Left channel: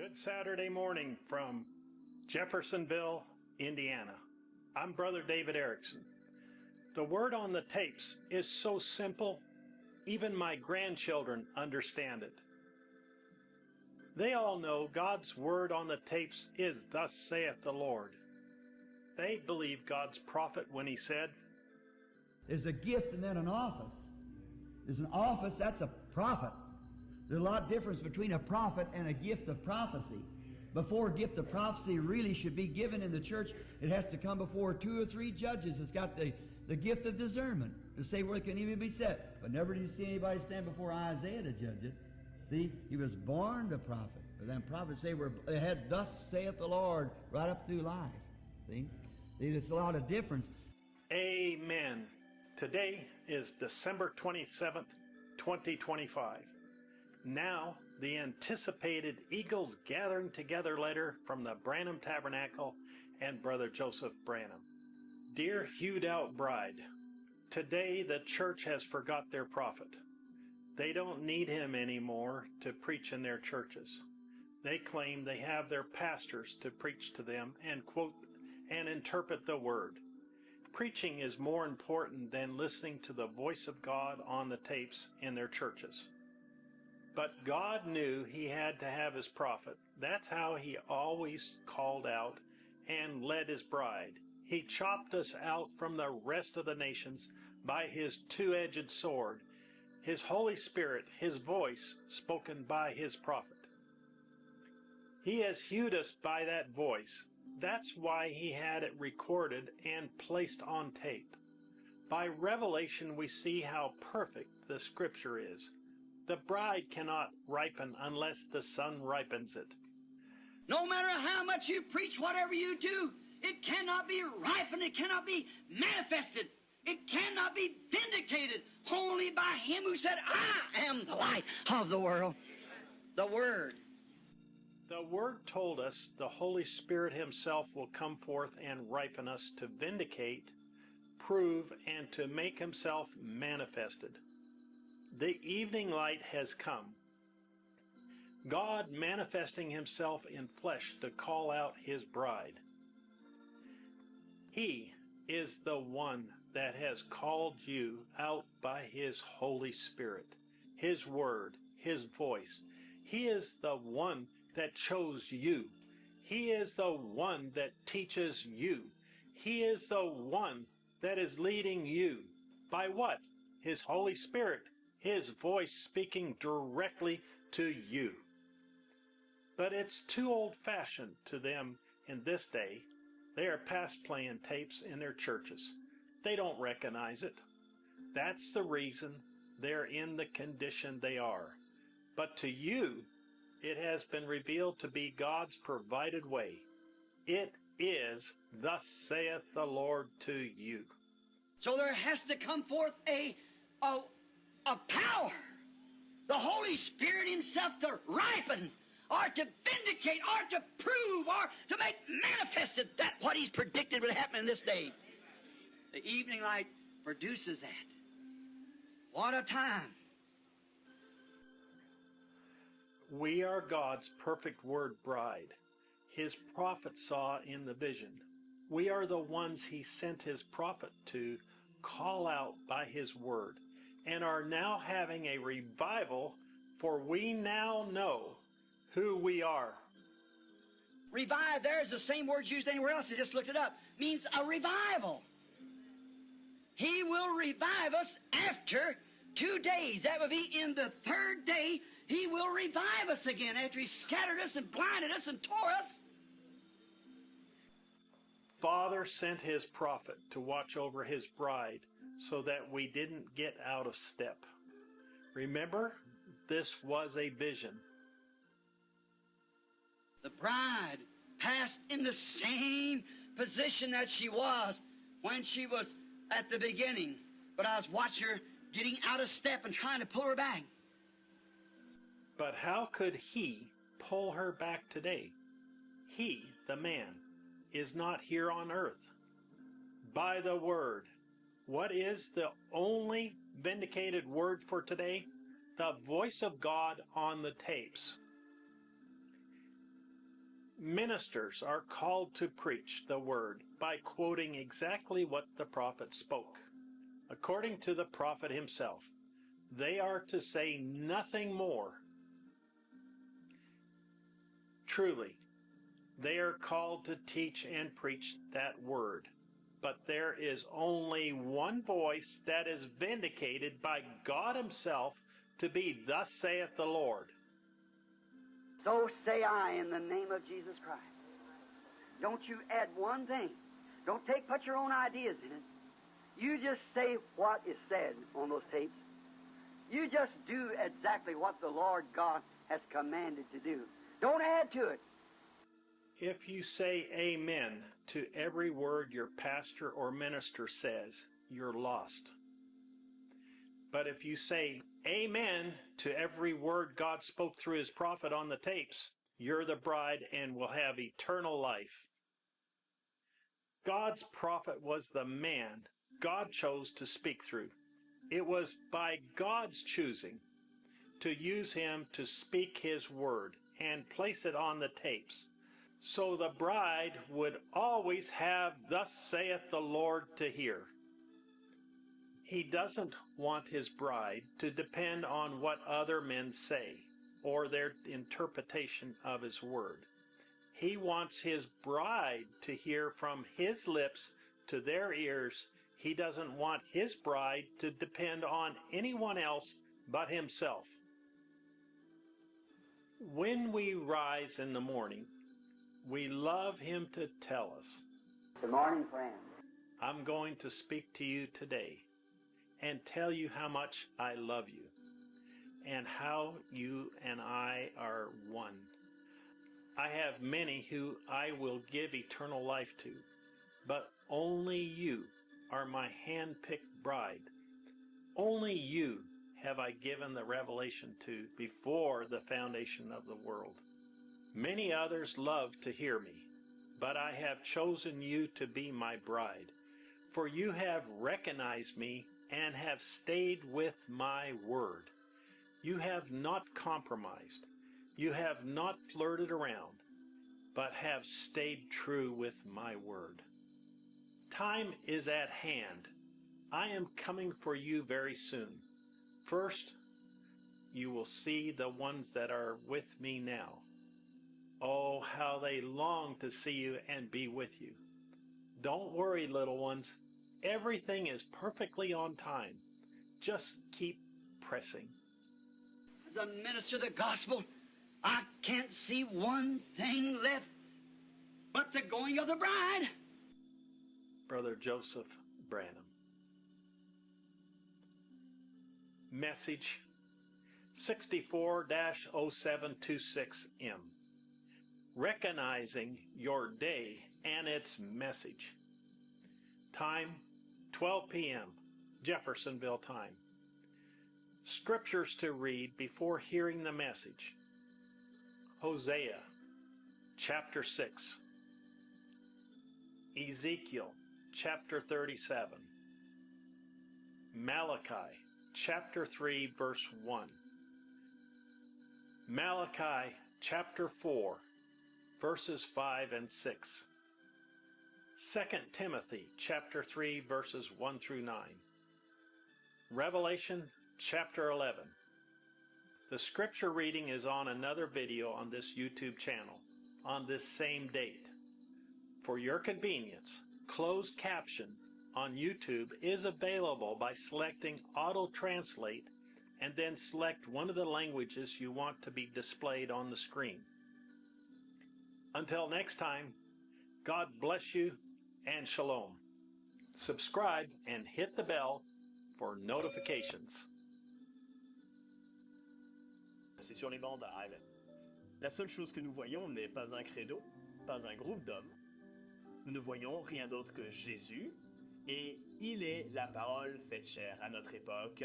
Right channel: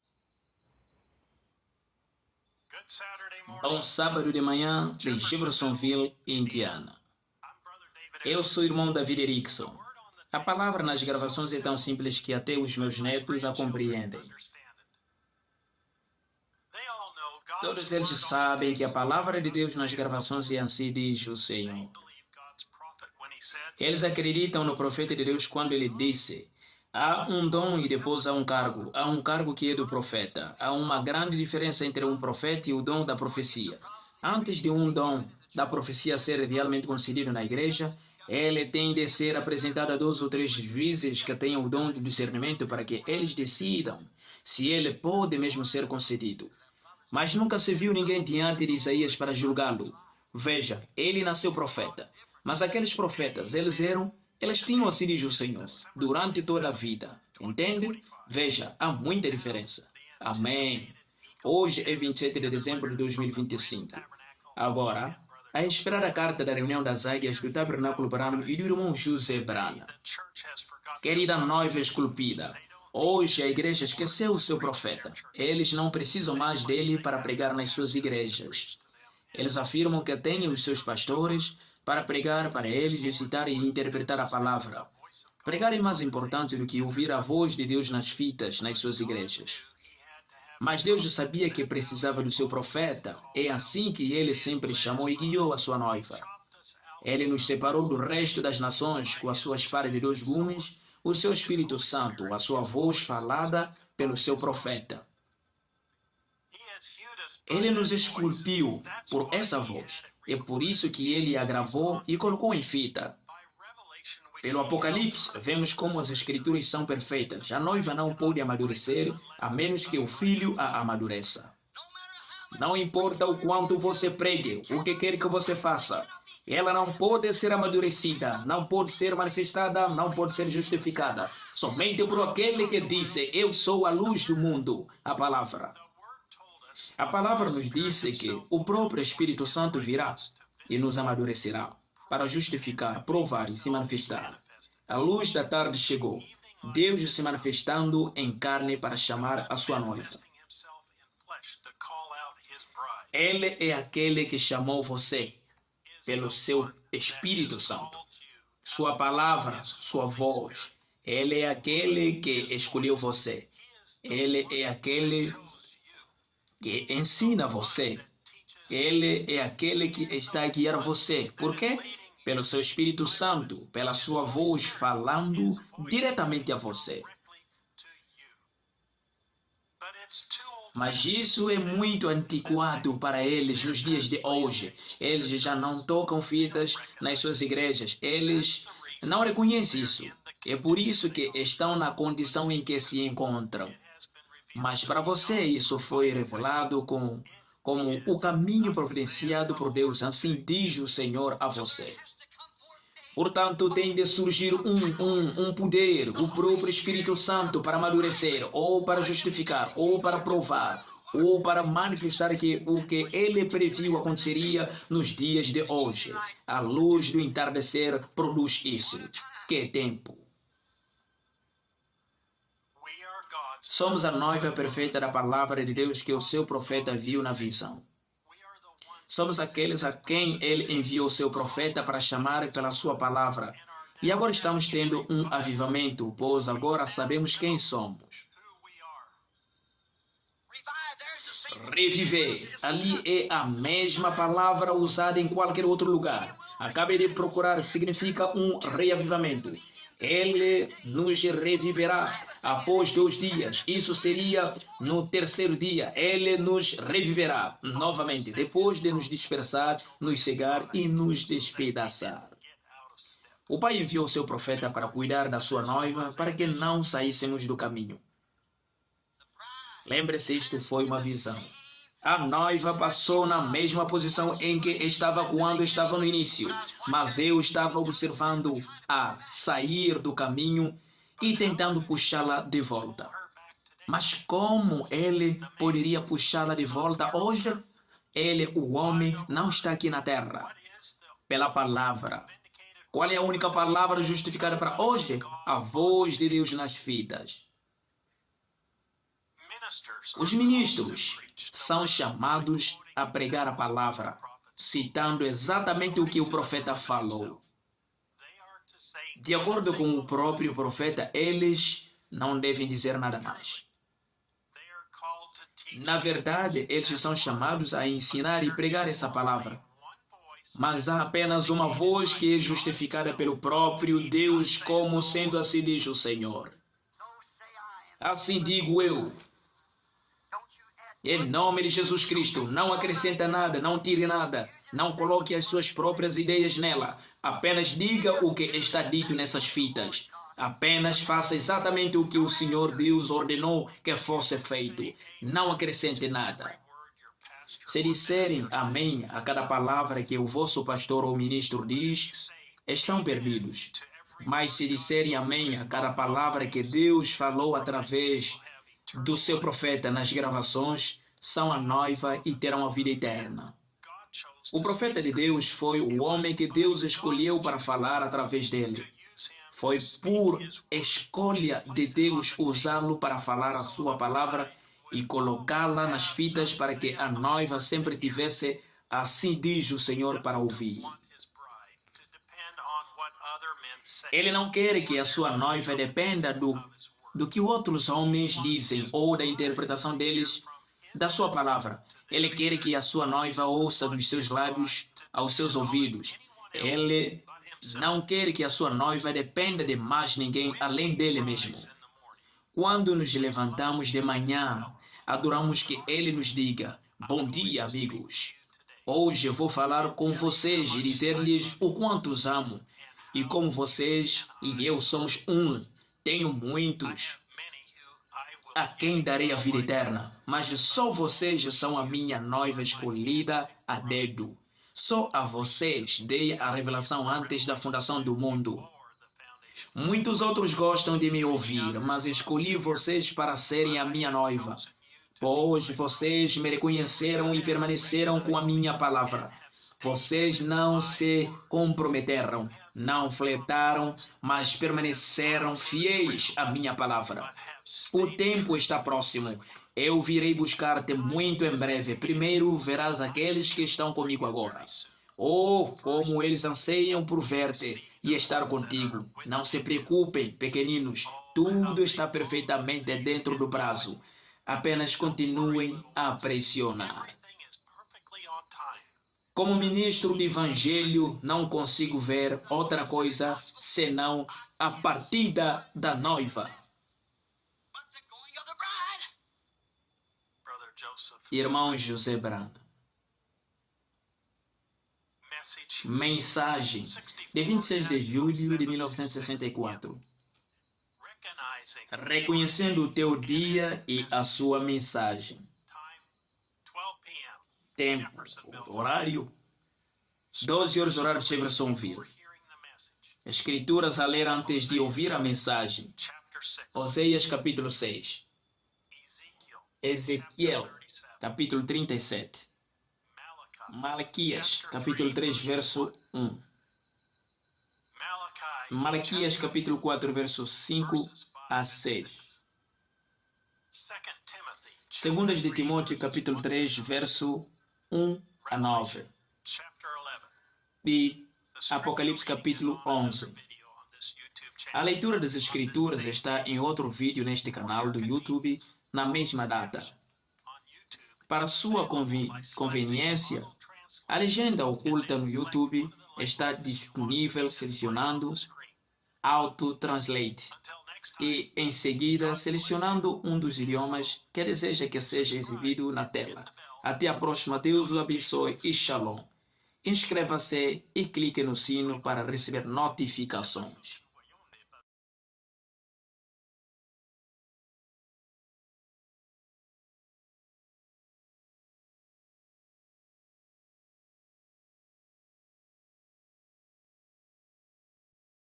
Good Saturday morning from Jeffersonville, Bom sábado de manhã de Jeffersonville, Indiana. The word on the tapes. Eu sou o irmão David Erickson. A palavra nas gravações é tão simples que até os meus netos a compreendem. They all know God's word on the tapes is thus saith the Todos Lord. eles sabem que a palavra de Deus nas gravações é assim diz o Senhor. Eles acreditam no profeta de Deus quando ele disse: há um dom e depois há um cargo. Há um cargo que é do profeta. Há uma grande diferença entre um profeta e o dom da profecia. Antes de um dom da profecia ser realmente concedido na igreja, ele tem de ser apresentado a 2 ou 3 juízes que tenham o dom do discernimento para que eles decidam se ele pode mesmo ser concedido. Mas nunca se viu ninguém diante de Isaías para julgá-lo. Veja, ele nasceu profeta. Mas aqueles profetas, eles tinham assim diz o Senhor, durante toda a vida. Entende? Veja, há muita diferença. Amém. Hoje é 27 de dezembro de 2025. Agora, a esperar a carta da reunião das águias do Tabernáculo Branco e do irmão José Branco. Querida noiva esculpida, hoje a igreja esqueceu o seu profeta. Eles não precisam mais dele para pregar nas suas igrejas. Eles afirmam que têm os seus pastores para pregar para eles, recitar e interpretar a palavra. Pregar é mais importante do que ouvir a voz de Deus nas fitas, nas suas igrejas. Mas Deus sabia que precisava do seu profeta. É assim que ele sempre chamou e guiou a sua noiva. Ele nos separou do resto das nações com a sua espada de 2 gumes, o seu Espírito Santo, a sua voz falada pelo seu profeta. Ele nos esculpiu por essa voz. É por isso que ele a gravou e colocou em fita. Pelo Apocalipse, vemos como as Escrituras são perfeitas. A noiva não pode amadurecer, a menos que o filho a amadureça. Não importa o quanto você pregue, o que quer que você faça. Ela não pode ser amadurecida, não pode ser manifestada, não pode ser justificada. Somente por aquele que disse, eu sou a luz do mundo. A palavra nos disse que o próprio Espírito Santo virá e nos amadurecerá para justificar, provar e se manifestar. A luz da tarde chegou, Deus se manifestando em carne para chamar a sua noiva. Ele é aquele que chamou você pelo seu Espírito Santo, sua palavra, sua voz. Ele é aquele que escolheu você. Ele é aquele que ensina você. Ele é aquele que está a guiar você. Por quê? Pelo seu Espírito Santo, pela sua voz falando diretamente a você. Mas isso é muito antiquado para eles nos dias de hoje. Eles já não tocam fitas nas suas igrejas. Eles não reconhecem isso. É por isso que estão na condição em que se encontram. Mas para você isso foi revelado como o caminho providenciado por Deus. Assim diz o Senhor a você. Portanto, tem de surgir um poder, o próprio Espírito Santo para amadurecer ou para justificar, ou para provar, ou para manifestar que o que ele previu aconteceria nos dias de hoje. A luz do entardecer produz isso. Que tempo! Somos a noiva perfeita da palavra de Deus que o seu profeta viu na visão. Somos aqueles a quem ele enviou o seu profeta para chamar pela sua palavra. E agora estamos tendo um avivamento, pois agora sabemos quem somos. Reviver. Ali é a mesma palavra usada em qualquer outro lugar. Acabei de procurar, significa um reavivamento. Ele nos reviverá após 2 dias. Isso seria no 3º dia. Ele nos reviverá novamente, depois de nos dispersar, nos cegar e nos despedaçar. O Pai enviou seu profeta para cuidar da sua noiva, para que não saíssemos do caminho. Lembre-se, isto foi uma visão. A noiva passou na mesma posição em que estava quando estava no início, mas eu estava observando a sair do caminho e tentando puxá-la de volta. Mas como ele poderia puxá-la de volta hoje? Ele, o homem, não está aqui na terra. Pela palavra. Qual é a única palavra justificada para hoje? A voz de Deus nas fitas. Os ministros são chamados a pregar a palavra, citando exatamente o que o profeta falou. De acordo com o próprio profeta, eles não devem dizer nada mais. Na verdade, eles são chamados a ensinar e pregar essa palavra. Mas há apenas uma voz que é justificada pelo próprio Deus, como sendo assim diz o Senhor. Assim digo eu, em nome de Jesus Cristo, não acrescenta nada, não tire nada, não coloque as suas próprias ideias nela. Apenas diga o que está dito nessas fitas. Apenas faça exatamente o que o Senhor Deus ordenou que fosse feito. Não acrescente nada. Se disserem amém a cada palavra que o vosso pastor ou ministro diz, estão perdidos. Mas se disserem amém a cada palavra que Deus falou através do seu profeta nas gravações, são a noiva e terão a vida eterna. O profeta de Deus foi o homem que Deus escolheu para falar através dele. Foi por escolha de Deus usá-lo para falar a sua palavra e colocá-la nas fitas para que a noiva sempre tivesse assim diz o Senhor para ouvir. Ele não quer que a sua noiva dependa do que outros homens dizem ou da interpretação deles da sua palavra. Ele quer que a sua noiva ouça dos seus lábios aos seus ouvidos. Ele não quer que a sua noiva dependa de mais ninguém além dele mesmo. Quando nos levantamos de manhã, adoramos que ele nos diga: bom dia, amigos. Hoje eu vou falar com vocês e dizer-lhes o quanto os amo. E como vocês e eu somos um, tenho muitos a quem darei a vida eterna. Mas só vocês são a minha noiva escolhida a dedo. Só a vocês dei a revelação antes da fundação do mundo. Muitos outros gostam de me ouvir, mas escolhi vocês para serem a minha noiva. Hoje vocês me reconheceram e permaneceram com a minha palavra. Vocês não se comprometeram, não flertaram, mas permaneceram fiéis à minha palavra. O tempo está próximo. Eu virei buscar-te muito em breve. Primeiro verás aqueles que estão comigo agora. Oh, como eles anseiam por ver-te e estar contigo. Não se preocupem, pequeninos. Tudo está perfeitamente dentro do prazo. Apenas continuem a pressionar. Como ministro do Evangelho, não consigo ver outra coisa senão a partida da noiva. Irmão José Branco. Mensagem de 26 de julho de 1964. Reconhecendo o teu dia e a sua mensagem. Tempo, horário, 12 horas, horário de Jeffersonville. Escrituras a ler antes de ouvir a mensagem. Oséias, capítulo 6. Ezequiel, capítulo 37. Malaquias, capítulo 3, verso 1. Malaquias, capítulo 4, verso 5 a 6. Segundas de Timóteo, capítulo 3, verso 1 a 9. E Apocalipse, capítulo 11. A leitura das Escrituras está em outro vídeo neste canal do YouTube, na mesma data. Para sua conveniência, a legenda oculta no YouTube está disponível selecionando Auto Translate e, em seguida, selecionando um dos idiomas que deseja que seja exibido na tela. Até a próxima. Deus o abençoe e Shalom. Inscreva-se e clique no sino para receber notificações. La seule chose que nous voyons n'est pas un credo, pas un groupe d'hommes. Nous ne voyons rien d'autre que Jésus, et il est la parole faite chair à notre époque.